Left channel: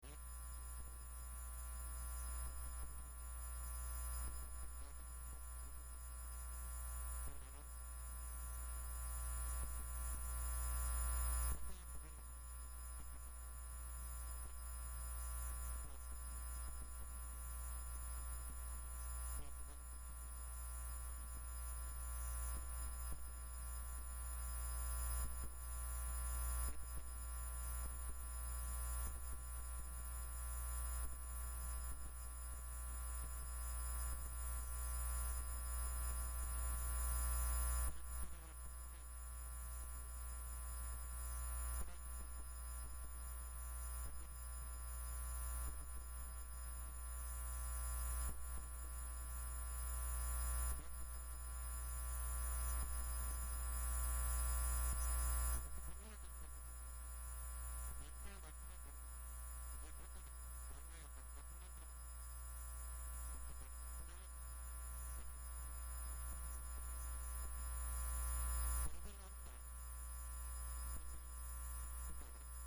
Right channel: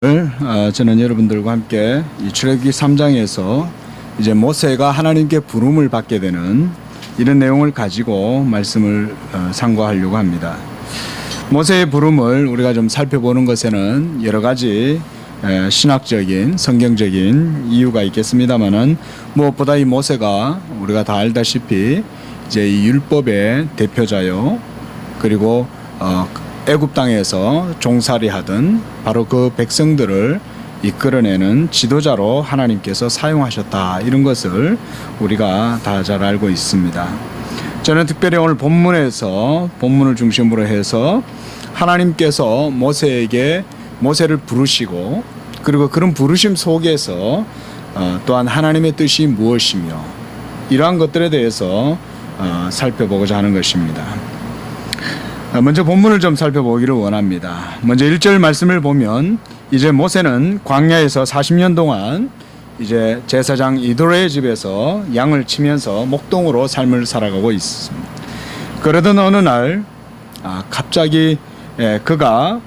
저는 여러분들과 함께 이 출애굽기 3장에서 이제 모세가 하나님께 부름을 받게 되는 이런 내용을 가지고 말씀을 상고하려고 합니다. 모세의 부름을 우리가 좀 살펴보는 것에는 여러 가지 신학적인 성경적인 이유가 있겠습니다만은 무엇보다 이 모세가 우리가 다 알다시피 이제 이 율법의 대표자요, 그리고 애굽 땅에서 종살이하던 바로 그 백성들을 이끌어내는 지도자로 하나님께서 사용하셨다, 이런 것을 우리가 다 잘 알고 있습니다. 저는 특별히 오늘 본문을 중심으로 해서 하나님께서 모세를 부르시고, 그리고 그런 부르심 속에서 또한 하나님의 뜻이 무엇이며 이러한 것들에 대해서 살펴보고자 하는 것입니다. 먼저 본문을 좀 살펴보기를 원합니다. 먼저 1절 말씀을 보면, 이제 모세는 광야에서 40년 동안 이제 제사장 이도로의 집에서 양을 치면서 목동으로 삶을 살아가고 있습니다. 그러던 어느 날 갑자기 그가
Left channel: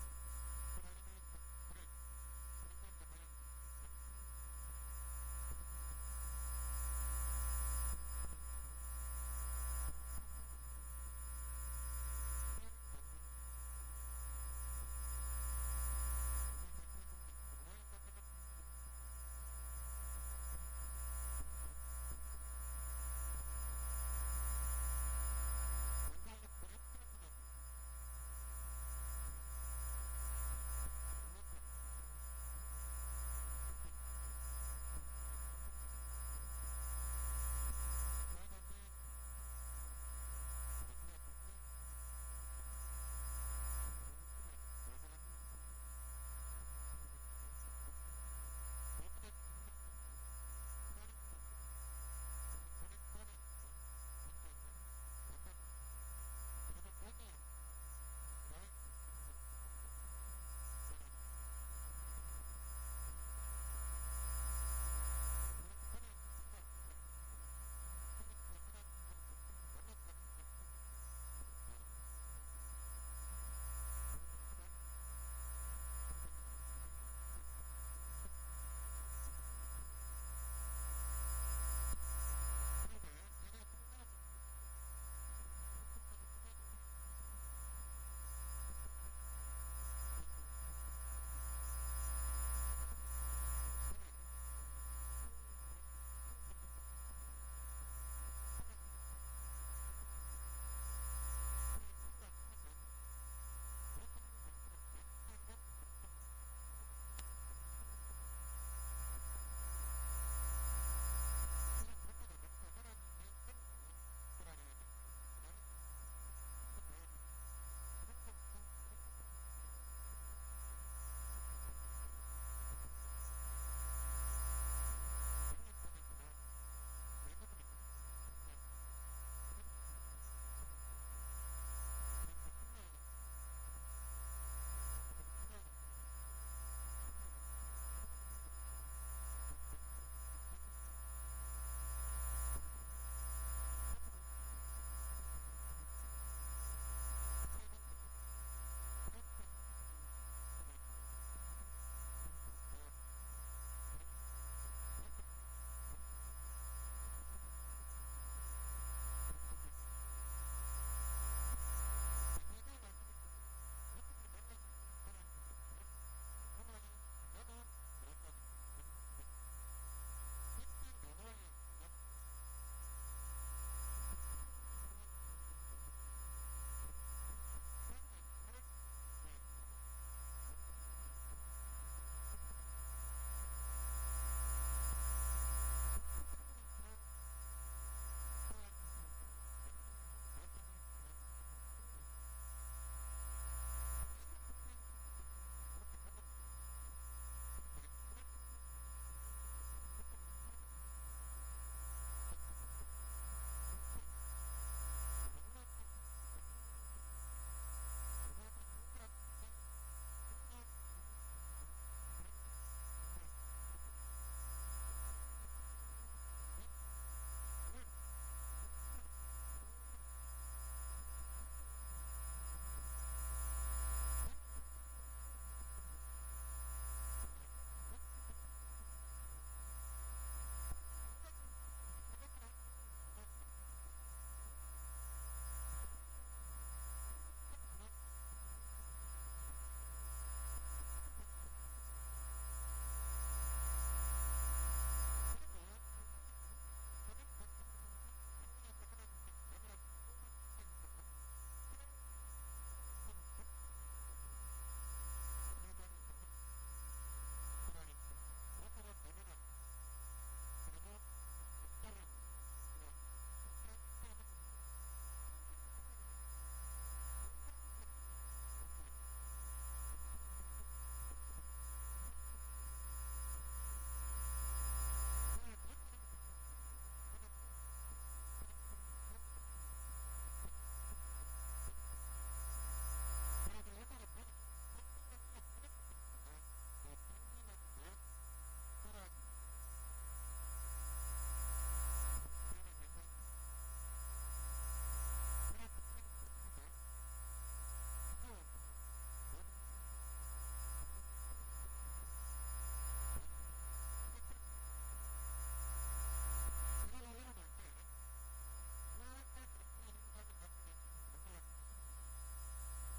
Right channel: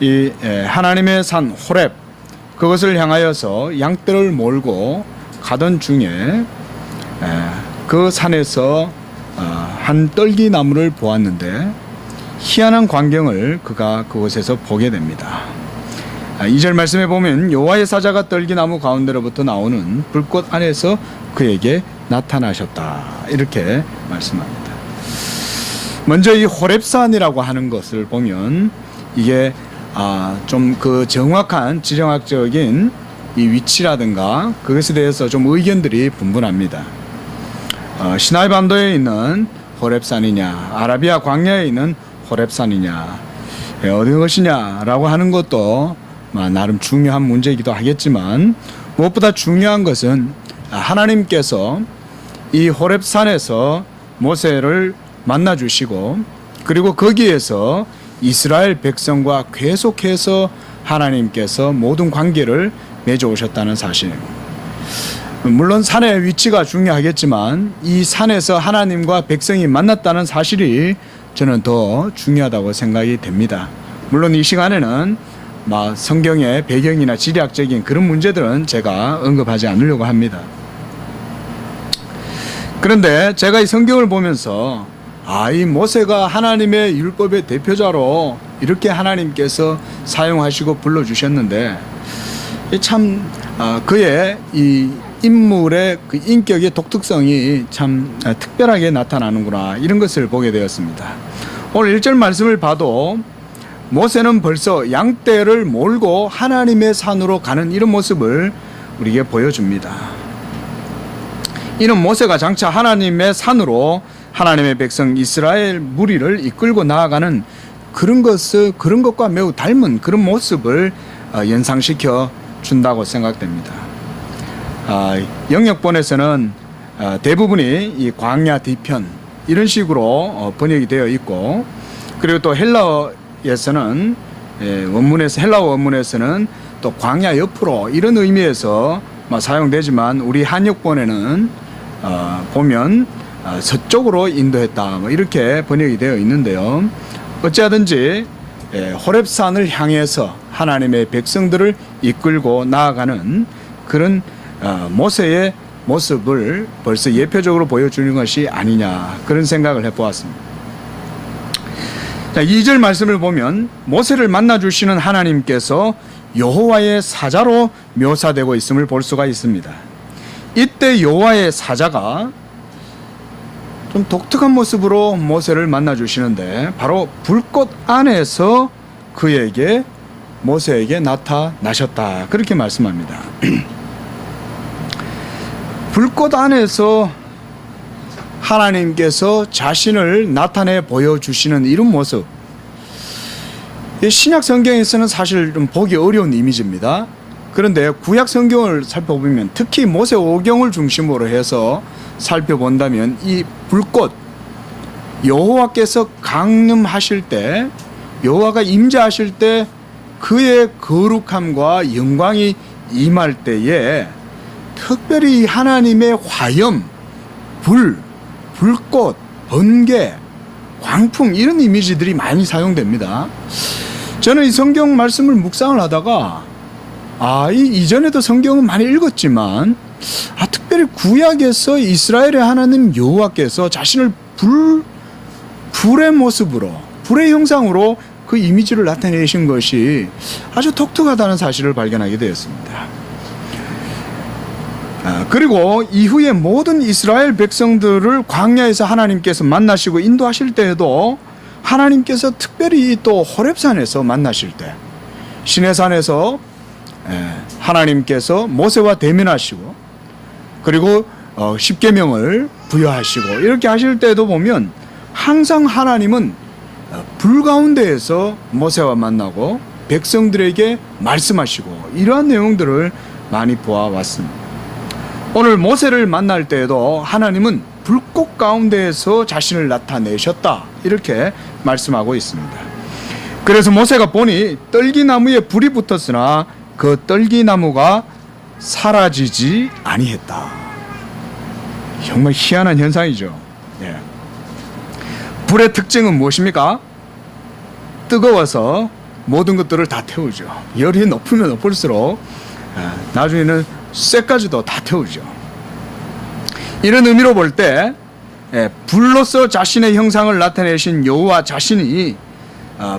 이 하나님의 산 호렙, 그것을 향하여서 양떼를 몰고 가던 중에 그 산에서 한 떨기나무를 보았는데 희한한 광경을 그가 그곳에서 보게 됩니다. 2절 말씀에 보면 여호와의 사자가 떨기나무 가운데로부터 나오는 불꽃 안에서 그에게 나타나셨다, 이렇게 말씀합니다. 먼저 이 호렙산이라고 하는 것을 보면 이게 좀 그 정확한 지정학적인 이 위치라든가 그것에 대해서 좀 의견들이 분분합니다. 시나이 반도에 있는 호렙산이냐, 아라비아 광야에 있는 호렙산이냐, 어느 것이냐라고 하는 것도 나름 중요한 문제이기도 하겠지만, 무엇보다 중요한 것은 하나님께서 이 호렙산에서 모세를 만나 주시고, 그리고 거기에서 이스라엘 백성과 계속해서 하나님께서 모든 관계를 맺어 오셨다는 사실. 물론 산의 위치가 중요하겠지만 이 산에서 하나님과 백성이 만났다는 사실이 저는 더 중요하다고 생각이 됩니다. 물론 이 시간에는 성경의 배경이나 지리학적인 그런 문제들은 제가 언급하지 않으려고 합니다. 그런데 제가 이 성경을 보면서 이 모세가 하나님의 율법의 대표자로 이렇게 하나님께서 사용하시고 불러주셨는데, 참 그의 이 인물의 그 인격의 독특성이 참 특별하게 나타나는구나, 이런 것을 보게 되었습니다. 오늘 1절 말씀을 봐도 모세는 벌써 양떼를 몰고 하나님의 산으로 가는 이런 모습을 우리에게 보여줍니다. 이는 모세가 장차 하나님의 산으로 하나님의 백성 이스라엘 무리를 이끌고 나아가는 그런 것과 매우 닮은 그런 모습을 연상시켜 준다고 생각됩니다. 영역본에서는 대부분이 이 광야 뒤편 이런 식으로 번역이 되어 있고, 그리고 또 헬라어에서는 헬라어 원문에서는 또 광야 옆으로 이런 의미에서 사용되지만, 우리 한역본에는 보면 서쪽으로 인도했다, 이렇게 번역이 되어 있는데요. 어찌하든지 호렙산을 향해서 하나님의 백성들을 이끌고 나아가는 그런 모세의 모습을 벌써 예표적으로 보여주는 것이 아니냐, 그런 생각을 해보았습니다. 2절 말씀을 보면 모세를 만나주시는 하나님께서 여호와의 사자로 묘사되고 있음을 볼 수가 있습니다. 이때 여호와의 사자가 좀 독특한 모습으로 모세를 만나주시는데, 바로 불꽃 안에서 모세에게 나타나셨다, 그렇게 말씀합니다. 불꽃 안에서 하나님께서 자신을 나타내 보여주시는 이런 모습, 신약 성경에서는 사실 좀 보기 어려운 이미지입니다. 그런데 구약 성경을 살펴보면, 특히 모세 오경을 중심으로 해서 살펴본다면 이 불꽃, 여호와께서 강림하실 때, 여호와가 임재하실 때 그의 거룩함과 영광이 임할 때에 특별히 하나님의 화염, 불꽃, 번개, 광풍, 이런 이미지들이 많이 사용됩니다. 저는 이 성경 말씀을 묵상을 하다가 이전에도 성경은 많이 읽었지만 특별히 구약에서 이스라엘의 하나님 여호와께서 자신을 불의 모습으로, 불의 형상으로 그 이미지를 나타내신 것이 아주 독특하다는 사실을 발견하게 되었습니다. 그리고 이후에 모든 이스라엘 백성들을 광야에서 하나님께서 만나시고 인도하실 때에도 하나님께서 특별히 또 호렙산에서 만나실 때, 시내산에서 하나님께서 모세와 대면하시고 그리고 십계명을 부여하시고 이렇게 하실 때도 보면 항상 하나님은 불 가운데에서 모세와 만나고 백성들에게 말씀하시고 이러한 내용들을 많이 보아왔습니다. 오늘 모세를 만날 때에도 하나님은 불꽃 가운데에서 자신을 나타내셨다 이렇게 말씀하고 있습니다. 그래서 모세가 보니 떨기나무에 불이 붙었으나 그 떨기나무가 사라지지 아니했다. 정말 희한한 현상이죠. 예. 불의 특징은 무엇입니까? 뜨거워서 모든 것들을 다 태우죠. 열이 높으면 높을수록 나중에는 쇠까지도 다 태우죠. 이런 의미로 볼 때 불로서 자신의 형상을 나타내신 여호와 자신이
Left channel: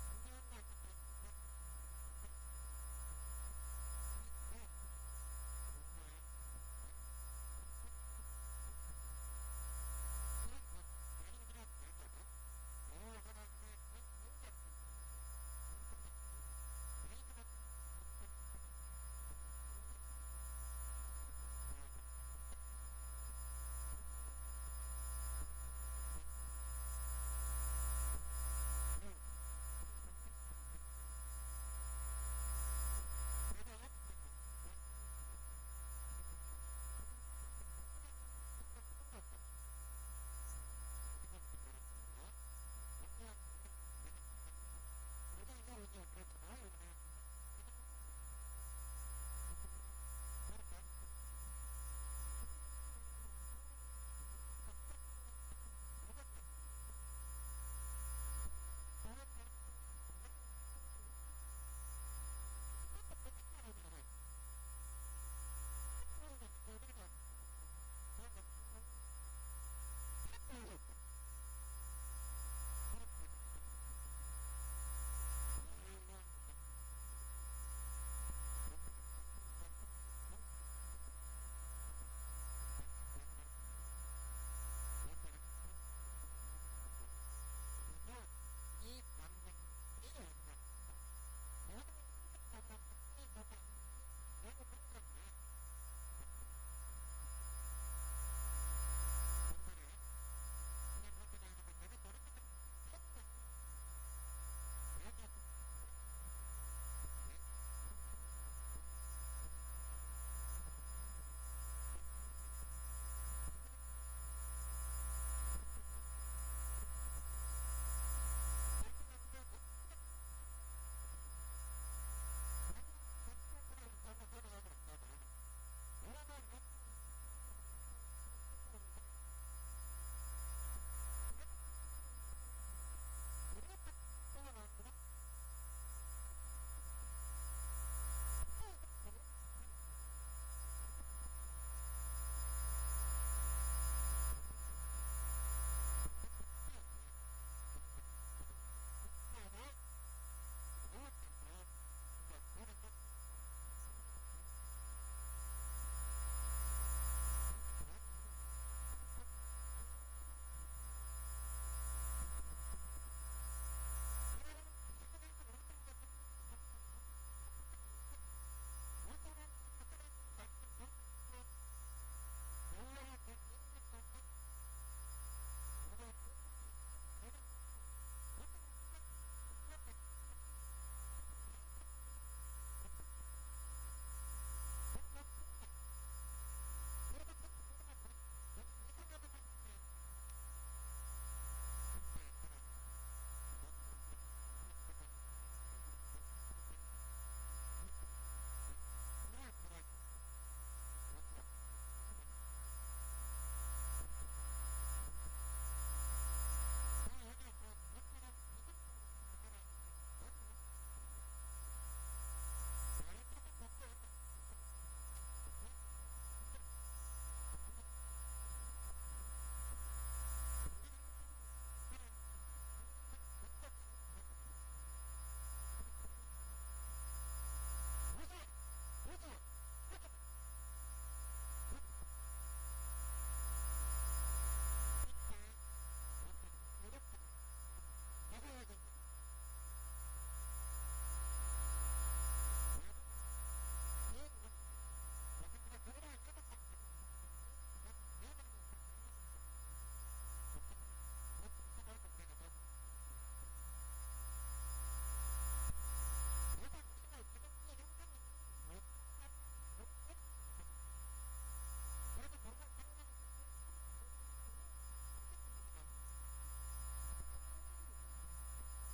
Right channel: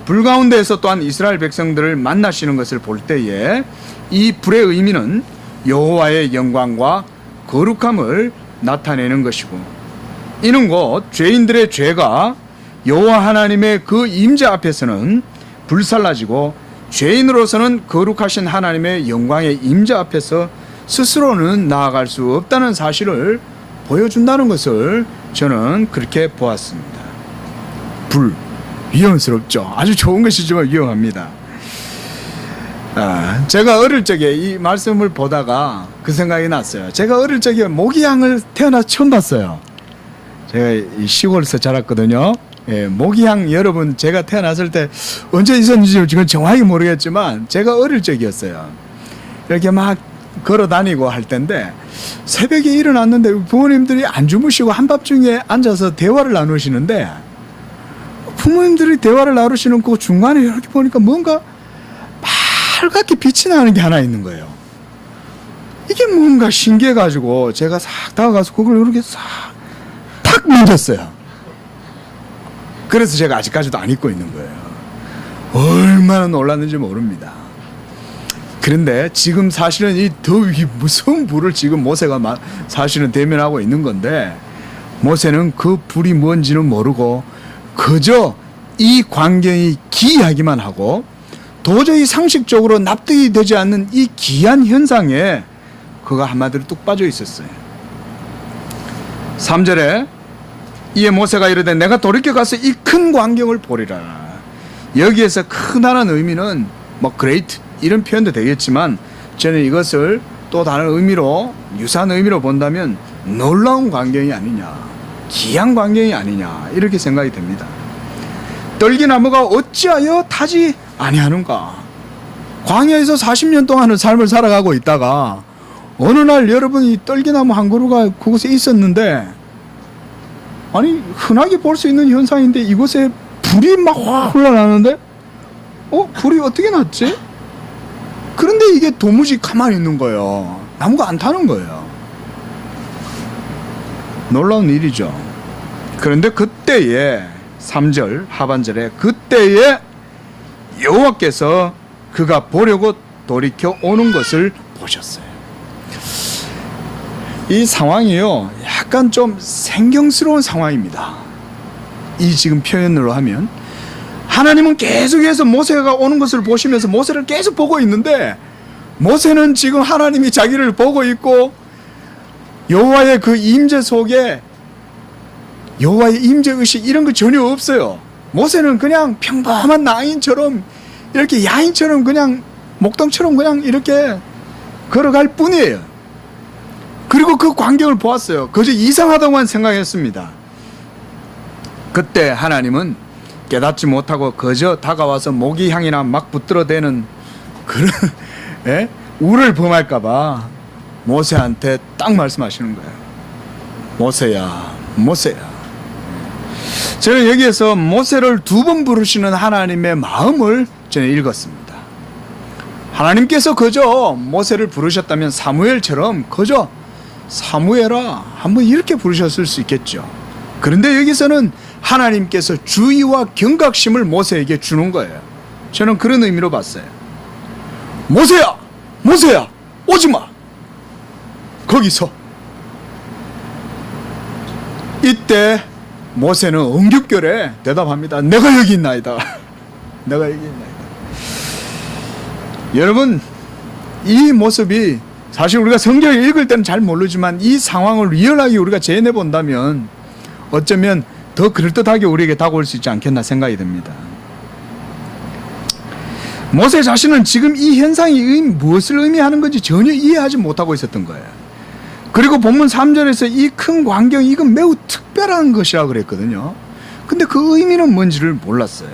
불 가운데에서 또한 이스라엘 백성들을 만나시는 것을 볼 때에 이 불의 의미는 여호와의 영광과 거룩함을 나타내는 것이고, 이는 곧 죄인들의 죄가 여호와 하나님의 그 임재 앞에서는 불살라지고 죄인으로서는 거룩하신 하나님의 영광의 임재 앞에서 스스로는 나아갈 수 없다는 사실을 보여준다는 것을 저는 그렇게 보았습니다. 불, 위험스럽죠. 아주 좋은 것이지만 위험합니다. 제가 어릴 적에 이 말씀을 보다가 그 생각이 났어요. 제가 어릴 적에 모기향을 태어나서 처음 봤어요. 제가 이 시골에서 자랐거든요. 모기향, 여러분 제가 태어났을 때 언제 있었는지 지금 정확히 모르겠지만 제가 어릴 적이었어요. 이렇게 막 걸어 다니고 할 텐데 새벽에 일어났는데 부모님들이 안 주무시고 한밤중에 앉아서 대화를 나누시는데, 부모님들이 대화를 나누시는 그 중간에 이렇게 보니까 뭔가 빨갛게 빛이 나는 게 하나 있는 거예요. 이게 뭔가 신기해가지고 제가 싹 다가가서 그걸 이렇게 탁 만졌어요. 그래서 제가 아직까지도 안 잊고 있는 거예요. 얼마나 놀랐는지 모릅니다. 그런데 지금 사실은 이 더위 무서운 불을 지금 모세가 사실은 대면하고 있는 건데, 모세는 그 불이 뭔지는 모르고 그저 이 광경이 기이하기만 하고 도저히 상식적으로 납득이 되지 않는 이 기이한 현상에 그가 한마디로 뚝 빠져 있었어요. 3절에 이에 모세가 이르되 내가 돌이켜 가서 이 큰 광경을 보리라. 여기에서 크다는 의미는 great 이런 표현도 되겠지만, 저는 이것을 또 다른 의미로, 유사한 의미로 본다면 놀라운 광경이 아니냐, 기이한 광경이 아니냐 이렇게 생각이 됩니다. 떨기나무가 어찌하여 타지 아니하는가? 광야에서 40년 동안의 삶을 살아가고 있다가 어느 날 여러분이 떨기나무 한 그루가 그곳에 있었는데, 아니 흔하게 볼 수 있는 현상인데 이곳에 불이 막 흘러나는데 불이 어떻게 났지? 그런데 이게 도무지 가만히 있는 거예요. 나무가 안 타는 거예요. 놀라운 일이죠. 그런데 그때에 3절 하반절에 그때에 여호와께서 그가 보려고 돌이켜 오는 것을 보셨어요. 이 상황이요, 약간 좀 생경스러운 상황입니다. 이 지금 표현으로 하면 하나님은 계속해서 모세가 오는 것을 보시면서 모세를 계속 보고 있는데, 모세는 지금 하나님이 자기를 보고 있고 여호와의 그 임재 속에 여호와의 임재 의식 이런 거 전혀 없어요. 모세는 그냥 평범한 낭인처럼, 이렇게 야인처럼 그냥 목동처럼 그냥 이렇게 걸어갈 뿐이에요. 그리고 그 광경을 보았어요. 그저 이상하다고만 생각했습니다. 그때 하나님은 깨닫지 못하고 그저 다가와서 모기향이나 막 붙들어대는 그런 우를 범할까봐 모세한테 딱 말씀하시는 거예요. 모세야, 모세야. 저는 여기에서 모세를 2번 부르시는 하나님의 마음을 전에 읽었습니다. 하나님께서 그저 모세를 부르셨다면 사무엘처럼 그저 사무엘아 한번 이렇게 부르셨을 수 있겠죠. 그런데 여기서는 하나님께서 주의와 경각심을 모세에게 주는 거예요. 저는 그런 의미로 봤어요. 모세야, 모세야, 오지마. 거기서. 이때 모세는 엉겹결에 대답합니다. 내가 여기 있나이다. 내가 여기 있나이다. 여러분, 이 모습이 사실 우리가 성경을 읽을 때는 잘 모르지만 이 상황을 리얼하게 우리가 재현해 본다면 어쩌면 더 그럴듯하게 우리에게 다가올 수 있지 않겠나 생각이 듭니다. 모세 자신은 지금 이 현상이 무엇을 의미하는 건지 전혀 이해하지 못하고 있었던 거예요. 그리고 본문 3절에서 이 큰 광경, 이건 매우 특별한 것이라고 그랬거든요. 근데 그 의미는 뭔지를 몰랐어요.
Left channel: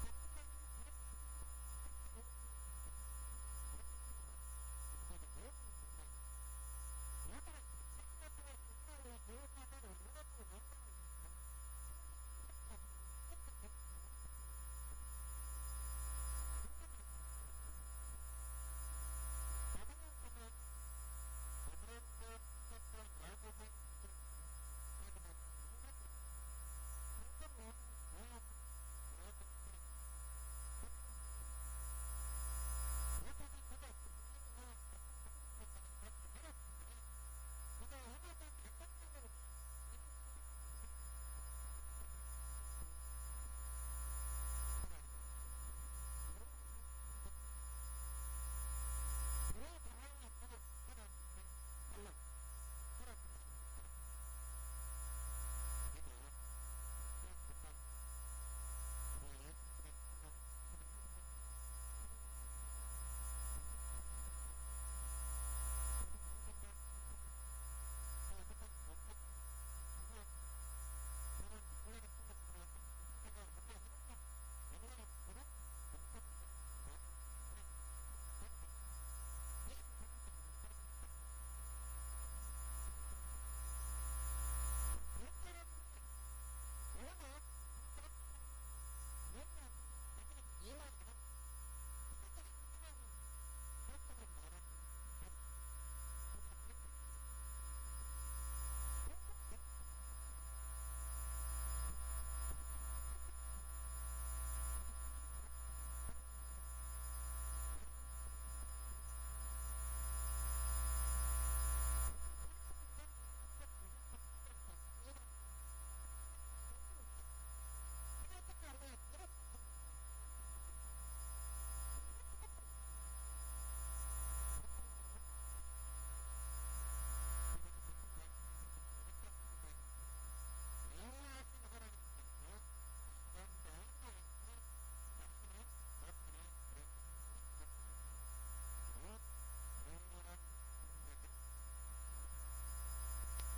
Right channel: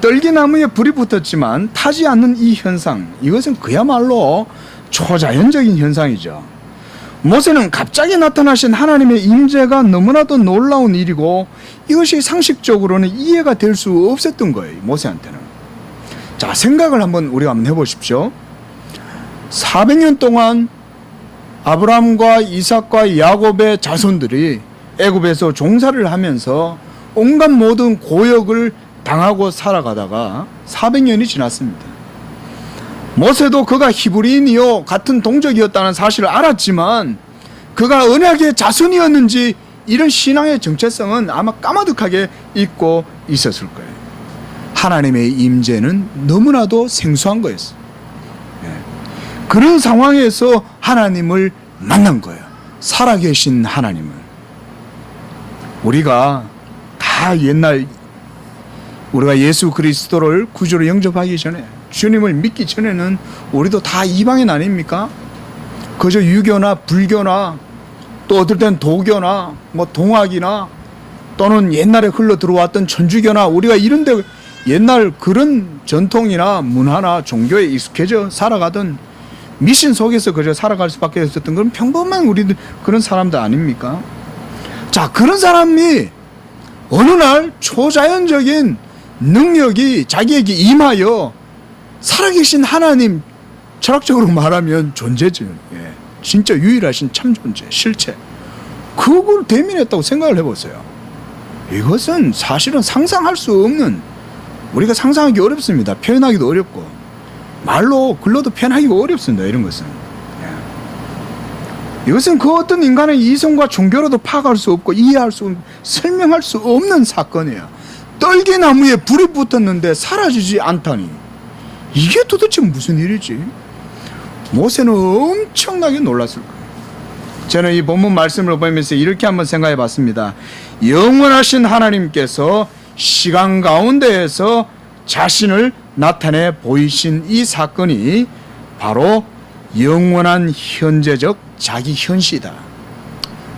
떨기나무에 불이 붙었지만 타지 않는 이 현상, 이것은 그야말로 초자연적인 현상이죠. 모세는 갑자기 나타나신 하나님의 임재가 너무나도 놀라운 일이고 이것이 상식적으로는 이해가 될 수 없었던 거예요. 모세한테는. 자, 생각을 우리가 한번 해보십시오. 400년 동안 아브라함과 이삭과 야곱의 자손들이 애굽에서 종살이를 하면서 온갖 모든 고역을 당하고 살아가다가 400년이 지났습니다. 모세도 그가 히브리인이요 같은 동족이었다는 사실을 알았지만 그가 언약의 자손이었는지 이런 신앙의 정체성은 아마 까마득하게 잊고 있었을 거예요. 하나님의 임재는 너무나도 생소한 거였어요. 그런 상황에서 하나님을 만난 거예요. 살아계신 하나님을. 우리가 다 옛날 우리가 예수 그리스도를 구주로 영접하기 전에 주님을 믿기 전에는 우리도 다 이방인 아닙니까? 그저 유교나 불교나 또 어떨 땐 도교나 뭐 동학이나 또는 옛날에 흘러 들어왔던 천주교나 우리가 이런데 옛날 그런 전통이나 문화나 종교에 익숙해져 살아가던 미신 속에서 그저 살아갈 수밖에 없었던 그런 평범한 우리들 그런 사람들 아닙니까? 자, 그런 사람이 어느 날 초자연적인 능력이 자기에게 임하여 살아계신 하나님, 철학적으로 말하면 존재죠. 예, 진짜 유일하신 참 존재, 실체. 그걸 대면했다고 생각을 해보세요. 이것은 사실은 상상할 수 없는, 우리가 상상하기 어렵습니다. 표현하기도 어렵고 말로 글로도 표현하기가 어렵습니다. 이런 것은. 예. 이것은 그 어떤 인간의 이성과 종교로도 파악할 수 없고 이해할 수 없고 설명할 수 없는 사건이에요. 떨기나무에 불이 붙었는데 사라지지 않다니 이게 도대체 무슨 일이지? 모세는 엄청나게 놀랐을 거예요. 저는 이 본문 말씀을 보면서 이렇게 한번 생각해 봤습니다. 영원하신 하나님께서 시간 가운데에서 자신을 나타내 보이신 이 사건이 바로 영원한 현재적 자기 현시다.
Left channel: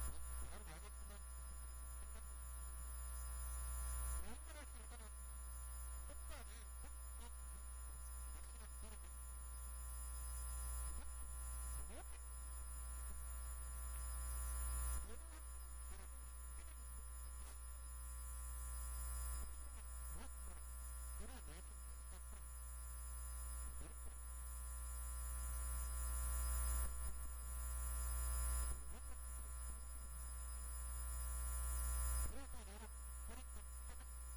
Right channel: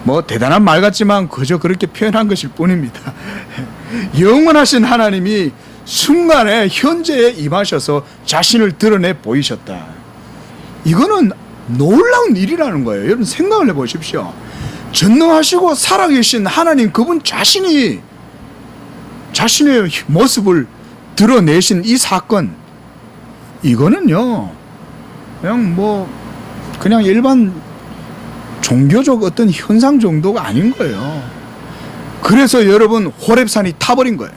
뭐 대단한 말 같지만 그저 그렇게 표현한 것일 뿐입니다. 영원하신 하나님이 순간에 현재에 임하셔서 자신을 드러내 보이셨다. 이거는 놀라운 일이라는 거예요. 여러분 생각을 해보십시오. 전능하시고 살아계신 하나님 그분 자신이 자신의 모습을 드러내신 이 사건, 이거는요 그냥 일반 종교적 어떤 현상 정도가 아닌 거예요. 그래서 여러분 호렙산이 타버린 거예요.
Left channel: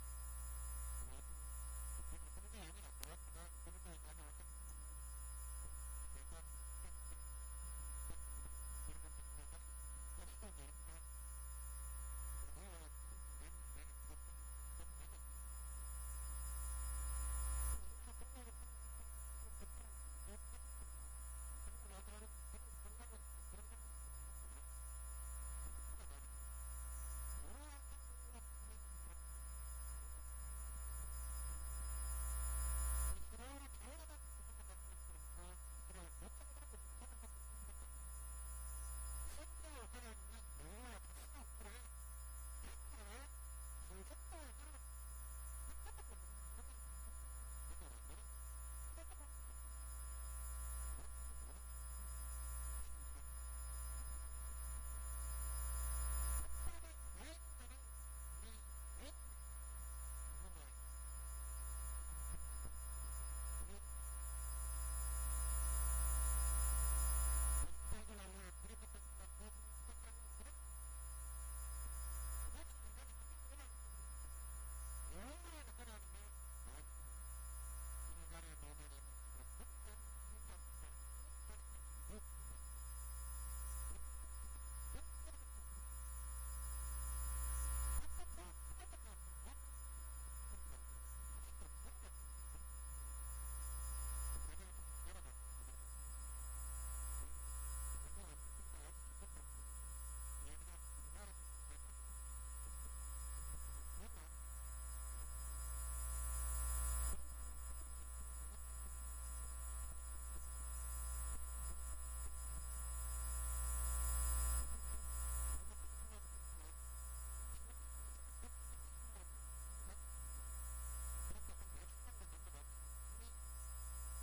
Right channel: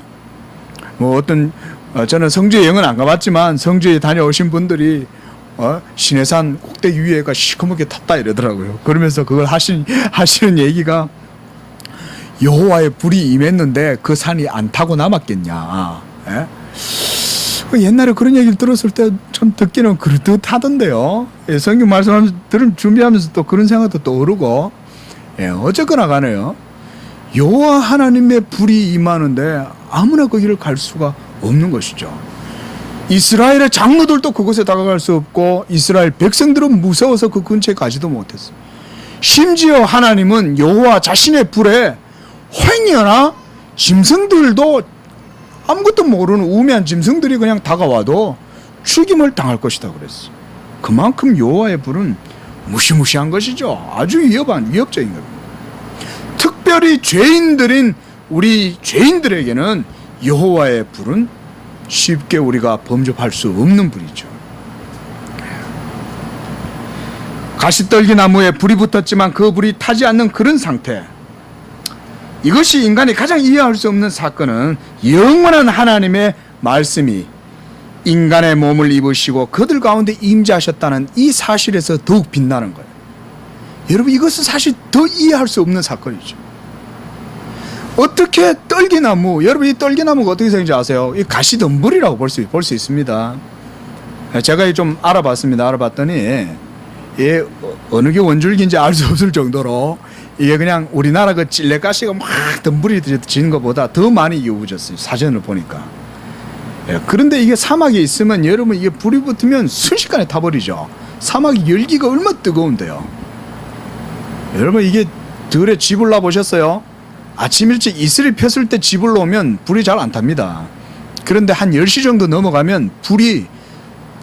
저는 성주에 영은 안 가봤지만 성주에 다녀오신 분들이 시내산 꼭대기 위에가 시커멓게 탔다 이러더라고요. 그러면서 그걸 하시는 얘기가 여호와의 불이 임했는데 그 산이 안 타고 남았겠냐. 예? 옛날에 그런 얘기를 들었을 때 참 듣기는 그럴듯하던데요. 예, 성경 말씀 준비하면서 또 그런 생각도 또 오르고, 예, 어쨌거나 가네요. 여호와 하나님의 불이 임하는데 아무나 거기를 갈 수가 없는 것이죠. 이스라엘의 장로들도 그곳에 다가갈 수 없고 이스라엘 백성들은 무서워서 그 근처에 가지도 못했어요. 심지어 하나님은 여호와 자신의 불에 횡이나 짐승들도 아무것도 모르는 우매한 짐승들이 그냥 다가와도 죽임을 당할 것이다 그랬어요. 그만큼 여호와의 불은 무시무시한 것이죠. 아주 위협적인 겁니다. 특별히 죄인들인 우리 죄인들에게는 여호와의 불은 쉽게 우리가 범접할 수 없는 불이죠. 가시떨기 나무에 불이 붙었지만 그 불이 타지 않는 그런 상태, 이것이 인간이 가장 이해할 수 없는 사건은 영원한 하나님의 말씀이 인간의 몸을 입으시고 그들 가운데 임재하셨다는 이 사실에서 더욱 빛나는 거예요. 여러분, 이것은 사실 더 이해할 수 없는 사건이죠. 어떻게 떨기나무, 여러분 이 떨기나무가 어떻게 생긴지 아세요? 이 가시덤불이라고 볼 수 있습니다. 제가 좀 알아봤더니 예, 어느 게 원줄기인지 알 수 없을 정도로 이게 그냥 우리나라 그 찔레가시가 막 덤불이 지는 것보다 더 많이 이어붙었어요. 사진을 보니까. 예, 그런데 이게 사막에 있으면 여러분 이게 불이 붙으면 순식간에 타버리죠. 사막이 열기가 얼마나 뜨거운데요. 여러분 이게 들에 쥐불 놔보셨어요? 아침 일찍 이슬이 폈을 때 쥐불 놓으면 불이 잘 안 탑니다. 그런데 한 10시 정도 넘어가면 불이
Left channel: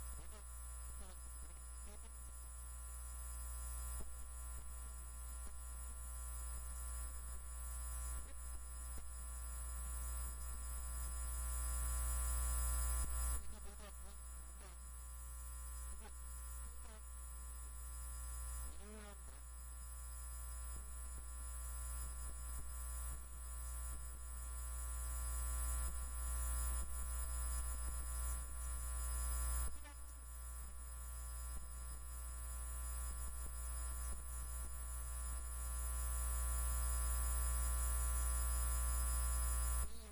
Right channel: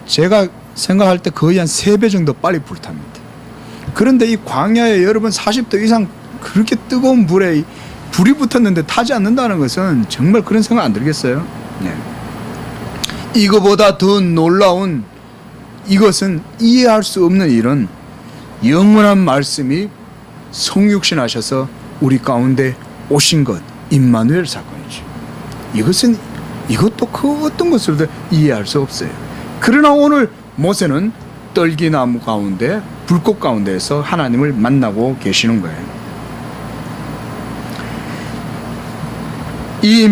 제가 생각할 때 거의 한 3배 정도 빨리 불탑니다. 그런데 이 광야에 여러분 40도 이상 그렇게 뜨거운 불에 불이 붙었는데 타지 않는다는 것은 정말 그런 생각 안 들겠어요? 네. 이거보다 더 놀라운, 이것은 이해할 수 없는 일은 영원한 말씀이 성육신 하셔서 우리 가운데 오신 것, 임마누엘 사건이죠. 이것도 그 어떤 것으로도 이해할 수 없어요. 그러나 오늘 모세는 떨기나무 가운데, 불꽃 가운데에서 하나님을 만나고 계시는 거예요. 이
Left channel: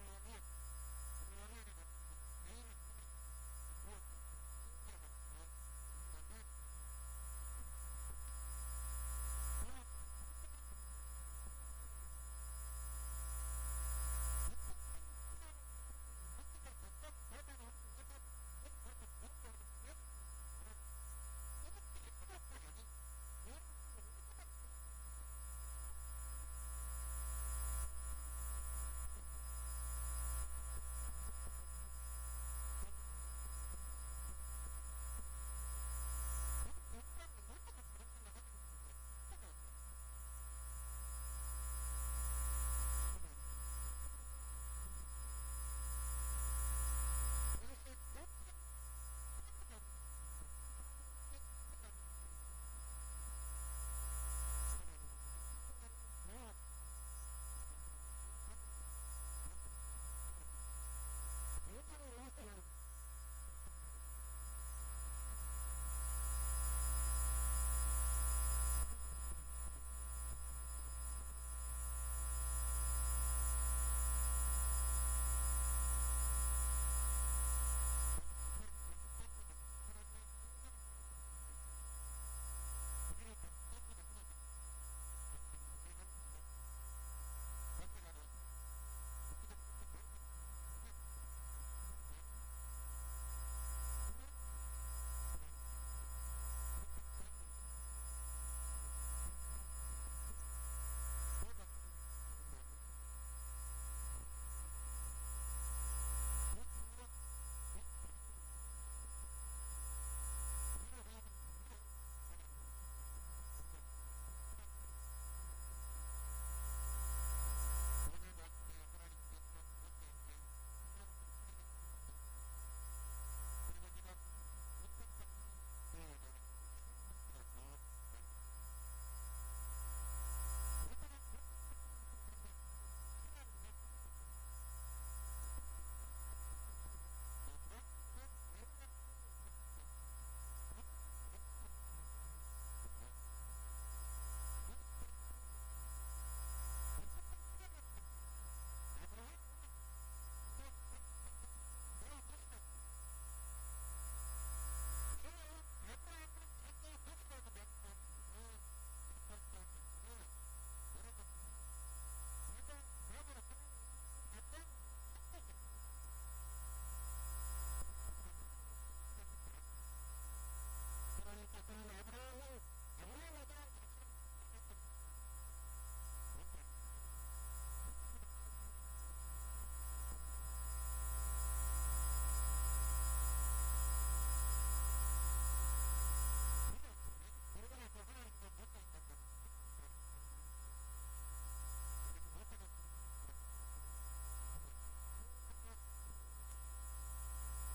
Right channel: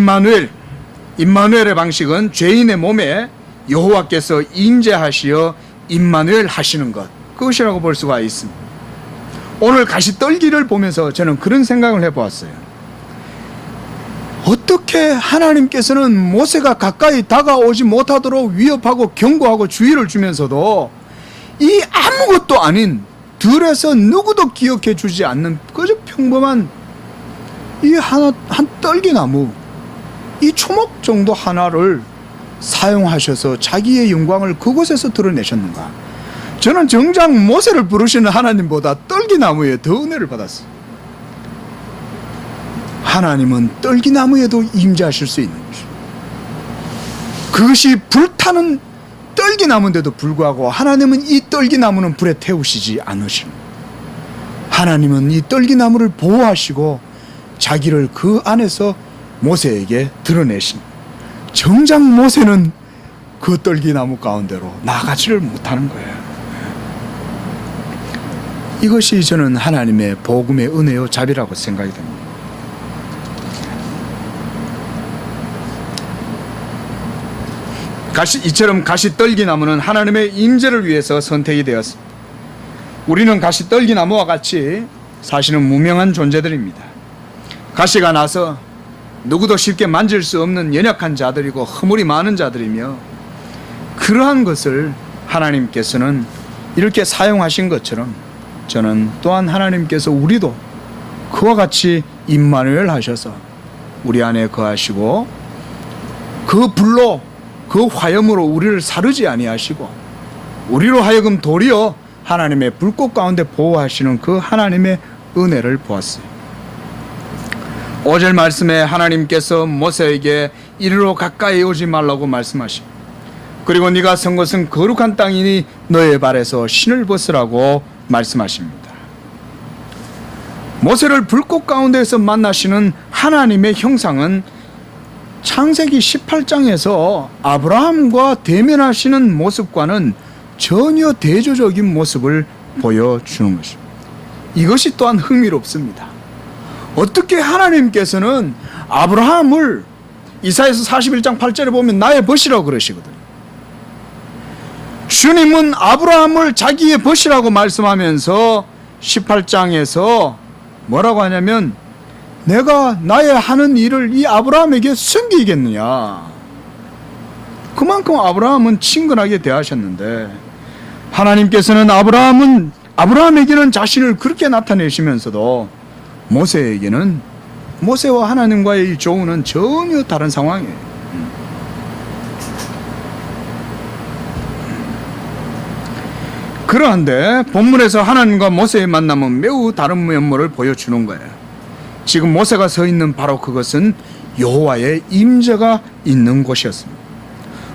임마누엘의 방식은 죄인의 몸에 여호와께서 임재하시어 임마누엘 하시는 것, 그것이라고 볼 수가 있습니다. 오늘 가시떨기를 보면서 저는 그런 생각을 해보았어요. 어떻게 하나님께서는 모세가 가까이 다가오지 못하도록 위협하고 경고하고 주의를 주면서도 이 아무것도 아닌 들에서 누구도 기억해 주지 않는 그저 평범한 이 한 떨기나무, 이 초목 정도 하나를 사용하셔서 자기의 영광을 그곳에서 드러내셨는가? 저는 정작 모세를 부르시는 하나님보다 떨기나무에 더 은혜를 받았어요. 하나님은 떨기나무에도 임재하실 수 있는 것이죠. 그것이 불타는 떨기나무인데도 불구하고 하나님은 이 떨기나무는 불에 태우시지 않으십니다. 하나님은 이 떨기나무를 보호하시고 자기를 그 안에서 모세에게 드러내십니다. 정작 모세는 그 떨기나무 가운데로 나가지를 못하는 거예요. 이것이 저는 하나님의 복음의 은혜요 자비라고 생각이 됩니다. 이처럼 가시떨기나무는 하나님의 임재를 위해서 선택이 되었습니다. 우리는 가시떨기나무와 같이 사실은 무명한 존재들입니다. 가시가 나서 누구도 쉽게 만질 수 없는 연약한 자들이고 허물이 많은 자들이며, 그러한 것을 하나님께서는 이렇게 사용하신 것처럼 저는 또한 하나님께서 우리도 그와 같이 임마누엘 하셔서 우리 안에 거하시고 그 불로, 그 화염으로 우리를 사르지 아니하시고 우리로 하여금 도리어 하나님의 불꽃 가운데 보호하시는 그 하나님의 은혜를 보았어요. 5절 말씀에 하나님께서 모세에게 이리로 가까이 오지 말라고 말씀하시고, 그리고 네가 선 곳은 거룩한 땅이니 너의 발에서 신을 벗으라고 말씀하십니다. 모세를 불꽃 가운데에서 만나시는 하나님의 형상은 창세기 18장에서 아브라함과 대면하시는 모습과는 전혀 대조적인 모습을 보여주는 것입니다. 이것이 또한 흥미롭습니다. 어떻게 하나님께서는 아브라함을 이사야서 41장 8절에 보면 나의 벗이라고 그러시거든요. 주님은 아브라함을 자기의 벗이라고 말씀하면서 18장에서 뭐라고 하냐면, 내가 나의 하는 일을 이 아브라함에게 숨기겠느냐. 그만큼 아브라함은 친근하게 대하셨는데, 하나님께서는 아브라함에게는 자신을 그렇게 나타내시면서도 모세에게는, 모세와 하나님과의 이 조우는 전혀 다른 상황이에요. 그러한데 본문에서 하나님과 모세의 만남은 매우 다른 면모를 보여주는 거예요. 지금 모세가 서 있는 바로 그것은 여호와의 임재가 있는 곳이었습니다.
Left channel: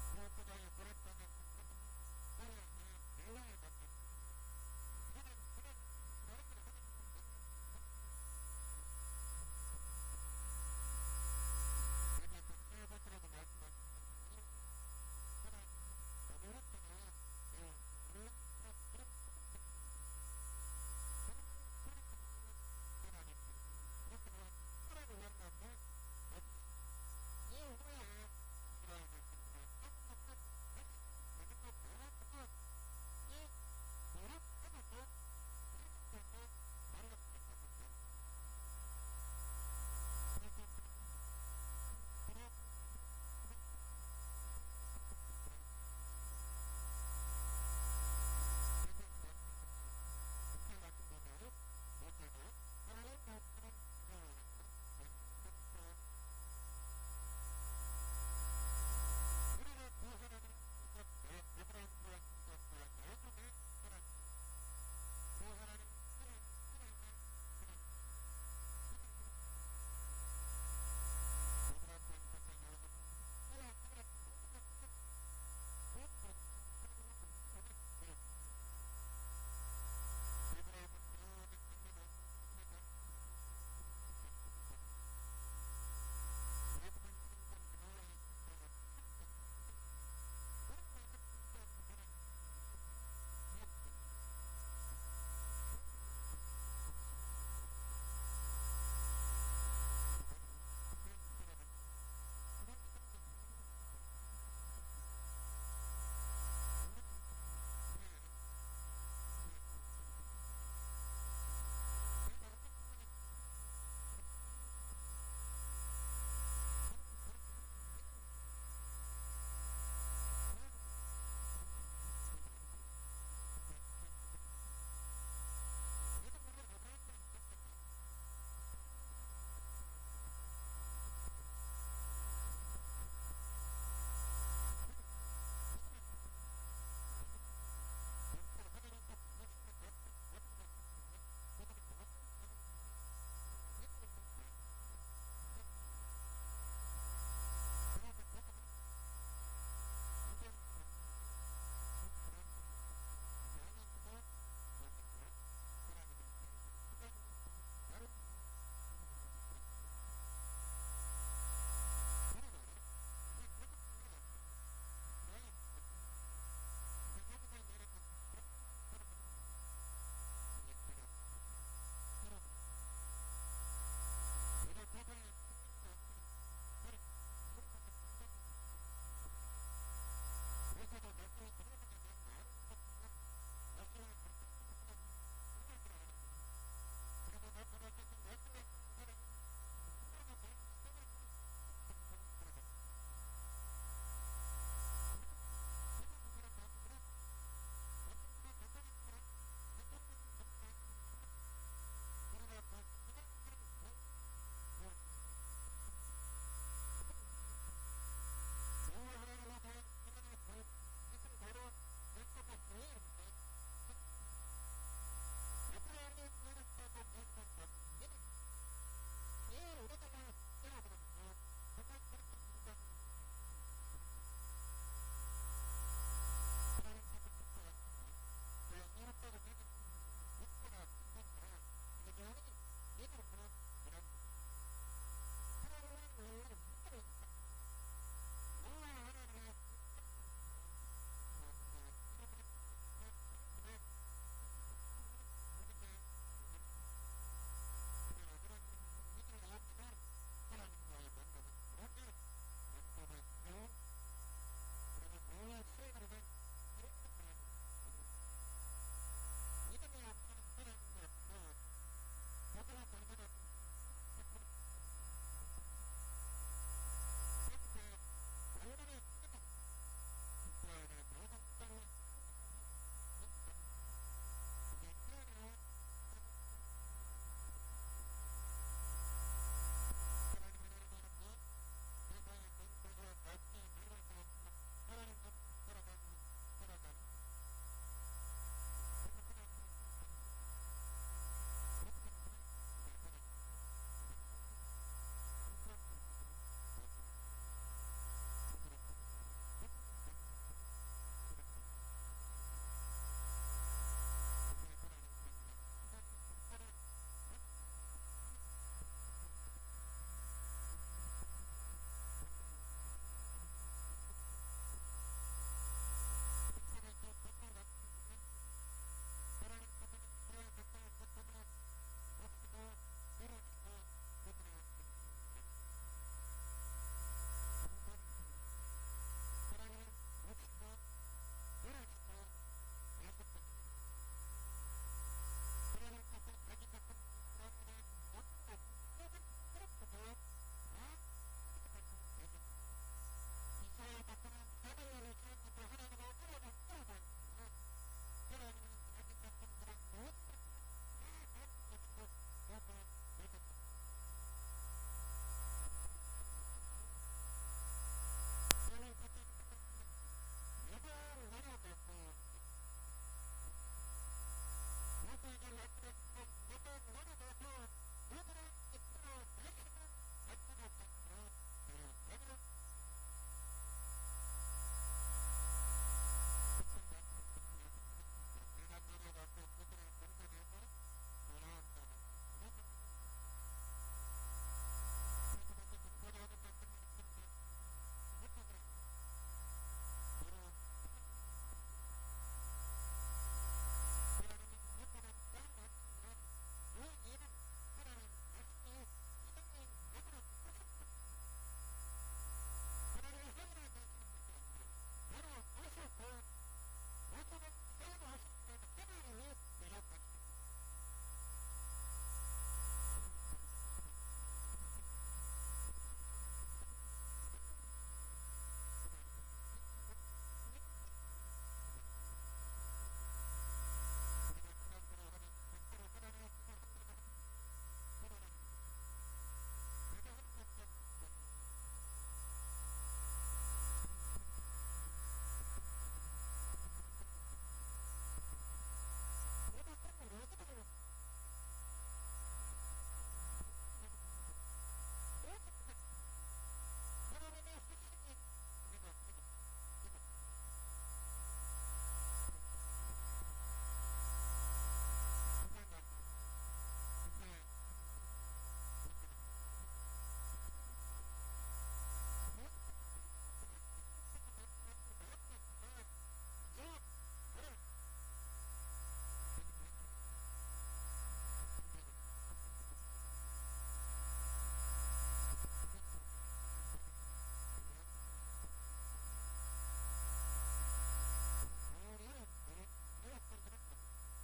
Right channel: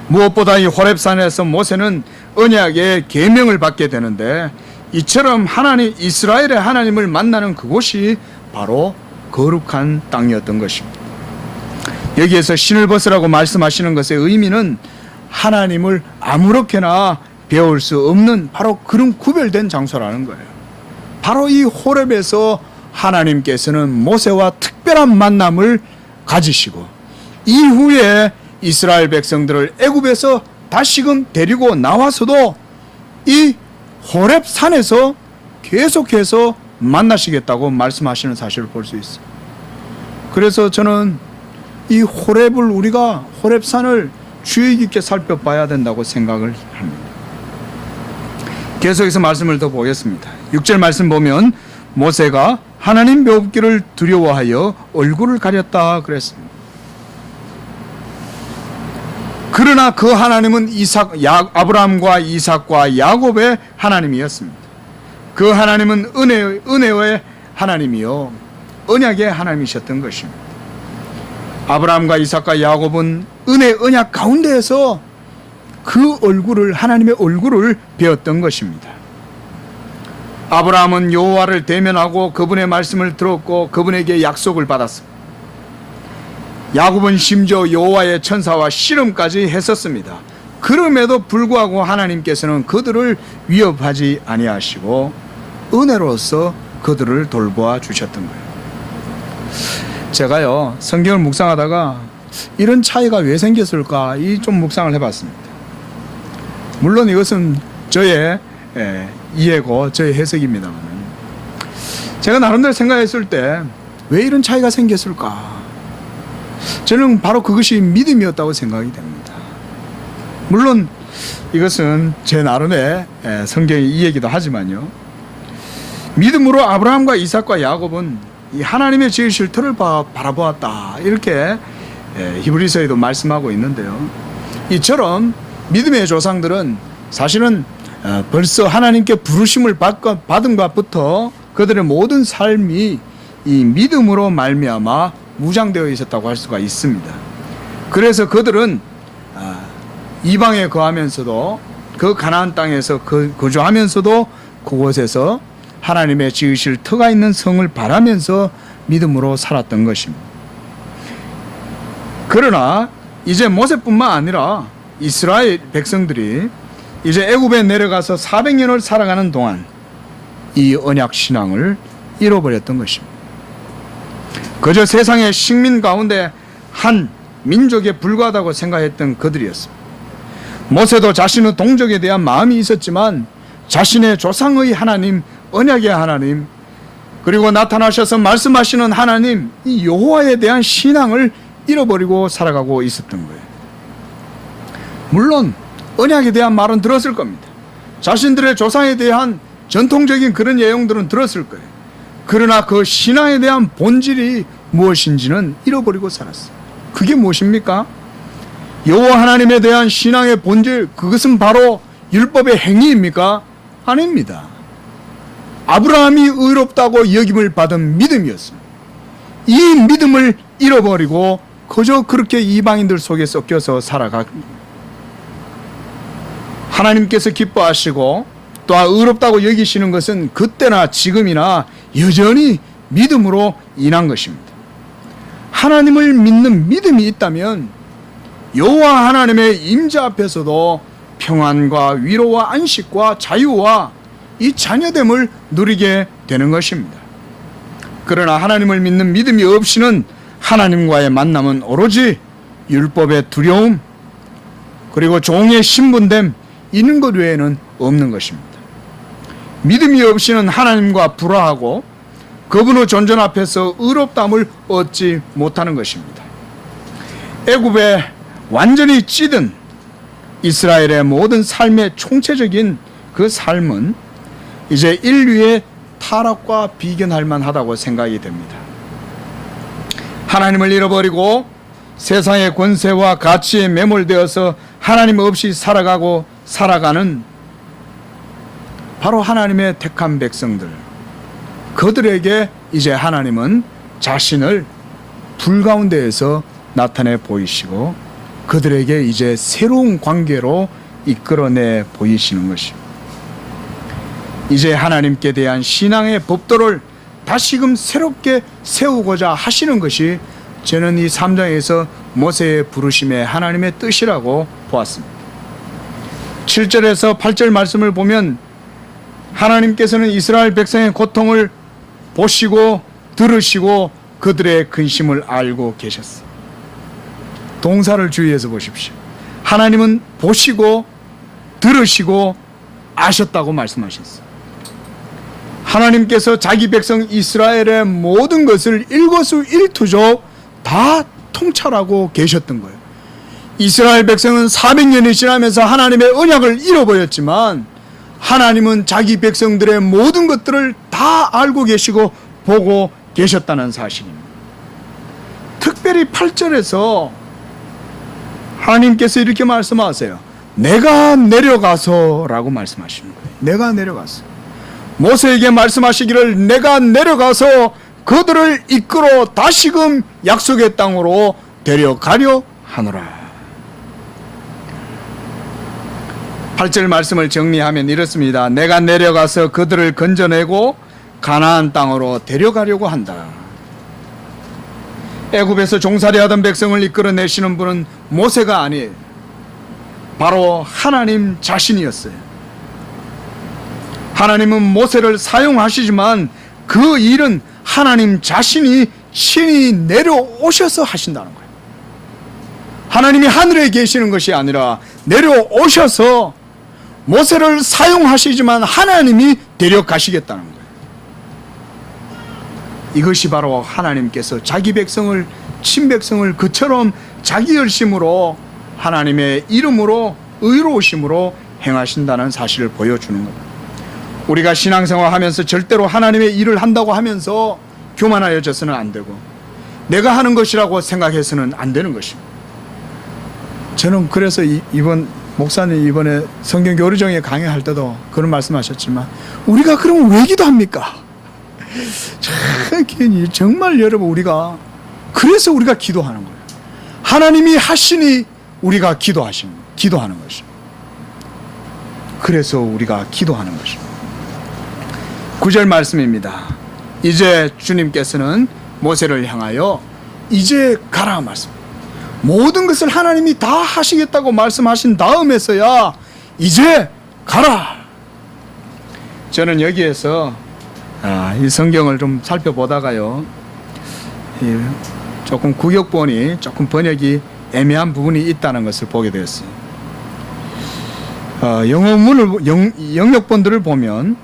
무엇보다 이 호렙산에서 모세는 언약의 계명을 받게 되는데, 이처럼 하나님, 이스라엘의 하나님을 만나는 그곳이 바로 거룩한 땅이었던 것입니다. 여기에서 신을 벗으라고 말씀하시는 것의 의미는 하나님을 아무렇게나 배울 수 없는 바로 그런 구별된 장소라는 거예요. 바로 이 호렙에서 하나님께서는 모세와 특별한 만남을 가지시고, 이후에 이스라엘 백성들을 애굽에서 다시금 데리고 나와서도 이 호렙 산에서 계속해서 만나시겠다고 말씀하시는 사실을 볼 수 있어요. 그래서 저는 이 호렙을, 우리가 호렙 산을 주의 깊게 살펴봐야 된다고 생각을 합니다. 계속해서 말씀을 더 보겠습니다. 6절 말씀 보면 모세가 하나님 묘기를 두려워하여 얼굴을 가렸다 그랬습니다. 그러나 그 하나님은 아브라함과 이삭과 야곱의 하나님이었습니다. 그 하나님은 은혜의 하나님이요 언약의 하나님이셨던 것입니다. 아브라함과 이삭과 야곱은 은혜 언약 가운데에서 그 얼굴을, 하나님의 얼굴을 배웠던 것입니다. 아브라함은 여호와를 대면하고 그분의 말씀을 들었고 그분에게 약속을 받았습니다. 야곱은 심지어 여호와의 천사와 씨름까지 했었습니다. 그럼에도 불구하고 하나님께서는 그들을 위협하지 아니하시고 은혜로서 그들을 돌보아 주셨던 거예요. 제가요, 성경을 묵상하다가 이런 차이가 왜 생겼을까 좀 묵상을 해봤습니다. 물론 이것은 저의 이해고 저의 해석입니다만, 제가 나름대로 생각했을 때 왜 이런 차이가 생겼을까, 저는 바로 그것이 믿음이었다고 생각이 됩니다. 물론 이것은 제 나름의 성경의 이해이기도 하지만요, 믿음으로 아브라함과 이삭과 야곱은 이 하나님의 지으실 터를 바라보았다, 이렇게 히브리서에도 말씀하고 있는데요, 이처럼 믿음의 조상들은 사실은 벌써 하나님께 부르심을 받은 것부터 그들의 모든 삶이 이 믿음으로 말미암아 무장되어 있었다고 할 수가 있습니다. 그래서 그들은 이방에 거하면서도, 그 가나안 땅에서 거주하면서도 그곳에서 하나님의 지으실 터가 있는 성을 바라면서 믿음으로 살았던 것입니다. 그러나 이제 모세뿐만 아니라 이스라엘 백성들이 이제 애굽에 내려가서 400년을 살아가는 동안 이 언약 신앙을 잃어버렸던 것입니다. 그저 세상의 식민 가운데 한 민족에 불과하다고 생각했던 그들이었습니다. 모세도 자신의 동족에 대한 마음이 있었지만 자신의 조상의 하나님, 언약의 하나님, 그리고 나타나셔서 말씀하시는 하나님, 이 여호와에 대한 신앙을 잃어버리고 살아가고 있었던 거예요. 물론 언약에 대한 말은 들었을 겁니다. 자신들의 조상에 대한 전통적인 그런 내용들은 들었을 거예요. 그러나 그 신앙에 대한 본질이 무엇인지는 잃어버리고 살았어요. 그게 무엇입니까? 여호와 하나님에 대한 신앙의 본질, 그것은 바로 율법의 행위입니까? 아닙니다. 아브라함이 의롭다고 여김을 받은 믿음이었습니다. 이 믿음을 잃어버리고 그저 그렇게 이방인들 속에 섞여서 살아갑니다. 하나님께서 기뻐하시고 또 의롭다고 여기시는 것은 그때나 지금이나 여전히 믿음으로 인한 것입니다. 하나님을 믿는 믿음이 있다면 여호와 하나님의 임재 앞에서도 평안과 위로와 안식과 자유와 이 자녀됨을 누리게 되는 것입니다. 그러나 하나님을 믿는 믿음이 없이는 하나님과의 만남은 오로지 율법의 두려움, 그리고 종의 신분됨, 이런 것 외에는 없는 것입니다. 믿음이 없이는 하나님과 불화하고 그분의 존전 앞에서 의롭다함을 얻지 못하는 것입니다. 애굽에 완전히 찌든 이스라엘의 모든 삶의 총체적인 그 삶은 이제 인류의 타락과 비견할 만하다고 생각이 됩니다. 하나님을 잃어버리고 세상의 권세와 가치에 매몰되어서 하나님 없이 살아가는 바로 하나님의 택한 백성들, 그들에게 이제 하나님은 자신을 불 가운데에서 나타내 보이시고 그들에게 이제 새로운 관계로 이끌어내 보이시는 것입니다. 이제 하나님께 대한 신앙의 법도를 다시금 새롭게 세우고자 하시는 것이 저는 이 3장에서 모세의 부르심의 하나님의 뜻이라고 보았습니다. 7절에서 8절 말씀을 보면 하나님께서는 이스라엘 백성의 고통을 보시고 들으시고 그들의 근심을 알고 계셨어요. 동사를 주의해서 보십시오. 하나님은 보시고 들으시고 아셨다고 말씀하셨어요. 하나님께서 자기 백성 이스라엘의 모든 것을 일거수일투족 다 통찰하고 계셨던 거예요. 이스라엘 백성은 400년이 지나면서 하나님의 언약을 잃어버렸지만 하나님은 자기 백성들의 모든 것들을 다 알고 계시고 보고 계셨다는 사실입니다. 특별히 8절에서 하나님께서 이렇게 말씀하세요. 내가 내려가서 라고 말씀하시는 거예요. 내가 내려가서. 모세에게 말씀하시기를 내가 내려가서 그들을 이끌어 다시금 약속의 땅으로 데려가려 하노라. 8절 말씀을 정리하면 이렇습니다. 내가 내려가서 그들을 건져내고 가나안 땅으로 데려가려고 한다. 애굽에서 종살이하던 백성을 이끌어내시는 분은 모세가 아니에요. 바로 하나님 자신이었어요. 하나님은 모세를 사용하시지만 그 일은 하나님 자신이 신이 내려오셔서 하신다는 거예요. 하나님이 하늘에 계시는 것이 아니라 내려오셔서 모세를 사용하시지만 하나님이 데려가시겠다는 거예요. 이것이 바로 하나님께서 자기 백성을, 친백성을 그처럼 자기 열심으로 하나님의 이름으로 의로우심으로 행하신다는 사실을 보여주는 겁니다. 우리가 신앙생활 하면서 절대로 하나님의 일을 한다고 하면서 교만하여져서는 안 되고 내가 하는 것이라고 생각해서는 안 되는 것입니다. 저는 그래서 이번 목사님 이번에 성경 교리정에 강의할 때도 그런 말씀하셨지만 우리가 그러면 왜 기도합니까? 정말 여러분 우리가 그래서 우리가 기도하는 거예요. 하나님이 하시니 우리가 기도하는 것입니다. 그래서 우리가 기도하는 것입니다. 9절 말씀입니다. 이제 주님께서는 모세를 향하여 이제 가라 말씀. 모든 것을 하나님이 다 하시겠다고 말씀하신 다음에서야 이제 가라. 저는 여기에서 이 성경을 좀 살펴보다가요, 조금 구역본이 조금 번역이 애매한 부분이 있다는 것을 보게 되었어요. 영역본들을 보면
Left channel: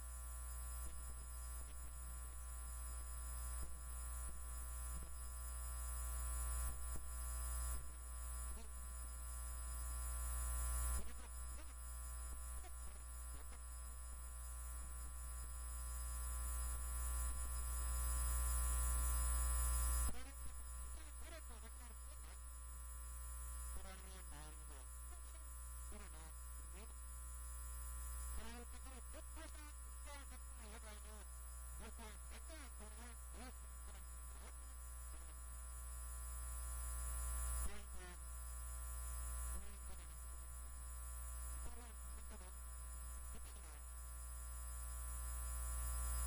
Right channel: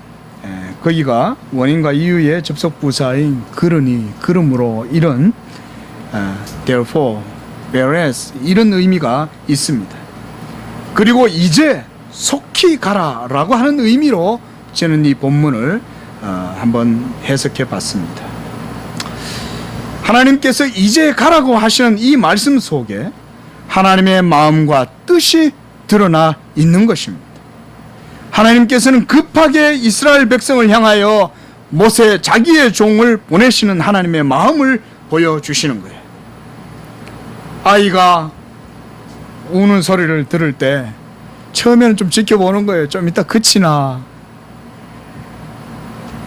거기가 원인과 이유의 접속 부사인 그러니, 그러므로, 이런 therefore, whereas 이런 의미가 있습니다. 그리고 이제 속히 가라라고 하는 의미로 저는 이 본문을 한번 해석해 봤습니다. 하나님께서 이제 가라고 하시는 이 말씀 속에 하나님의 마음과 뜻이 드러나 있는 것입니다. 하나님께서는 급하게 이스라엘 백성을 향하여 모세 자기의 종을 보내시는 하나님의 마음을 보여주시는 거예요. 아이가 우는 소리를 들을 때 처음에는 좀 지켜보는 거예요. 좀 이따 그치나,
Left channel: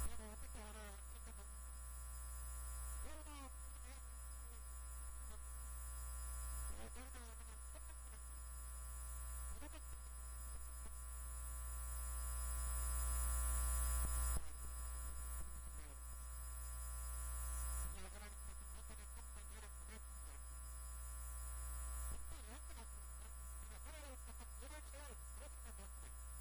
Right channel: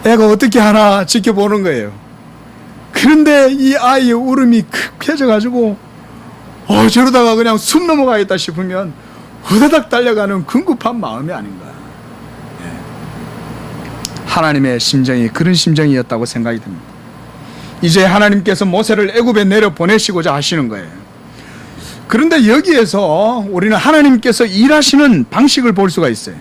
애가 어떻게 하나 지켜보는 거예요. 그런데 이 아이의 울음이 켜져가지고 저러다가 그냥 숨 넘어가겠다 싶으면 후다닥 달려가는 궁급한 마음이 아닌가. 하나님의 심정이 그런 심정이었다고 생각이 듭니다. 이제 하나님께서 모세를 애굽에 내려 보내시고자 하시는 거예요. 그런데 여기에서 우리는 하나님께서 일하시는 방식을 볼 수가 있어요.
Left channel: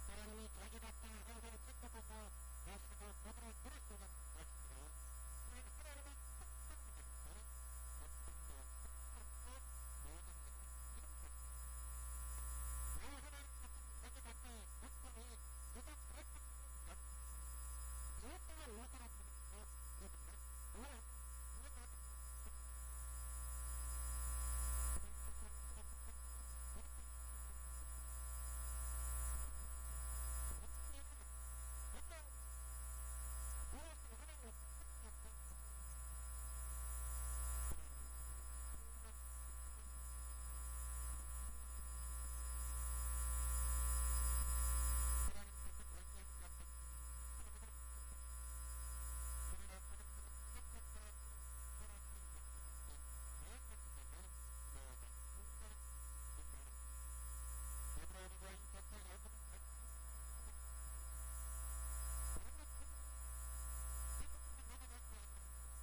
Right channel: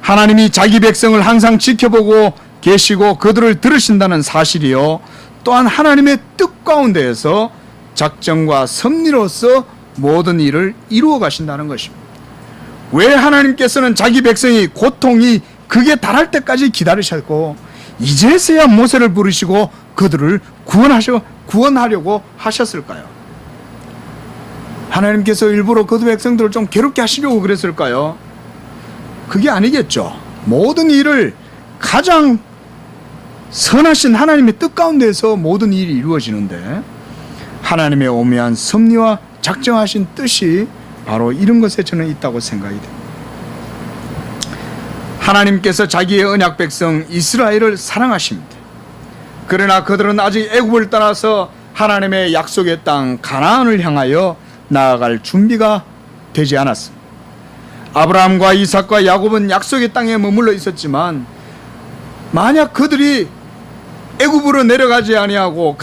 하나님이 자기 백성을 항상 지켜보고 계시고 그들을 들으신다는 사실이요, 또한 하나님의 뜻 가운데에서 작정과 섭리로서 모든 일을 이루어 가신다는 것입니다. 왜 하나님께서는 자기 백성이 고통이 극에 달할 때까지 기다리셨고 이제서야 모세를 부르시고 그들을 구원하려고 하셨을까요? 하나님께서 일부러 그 백성들을 좀 괴롭게 하시려고 그랬을까요? 그게 아니겠죠. 모든 일을 가장 선하신 하나님의 뜻 가운데서 모든 일이 이루어지는데 하나님의 오묘한 섭리와 작정하신 뜻이 바로 이런 것에 저는 있다고 생각이 됩니다. 하나님께서 자기의 언약 백성 이스라엘을 사랑하십니다. 그러나 그들은 아직 애굽을 떠나서 하나님의 약속의 땅 가나안을 향하여 나아갈 준비가 되지 않았습니다. 아브라함과 이삭과 야곱은 약속의 땅에 머물러 있었지만 만약 그들이 애굽으로 내려가지 아니하고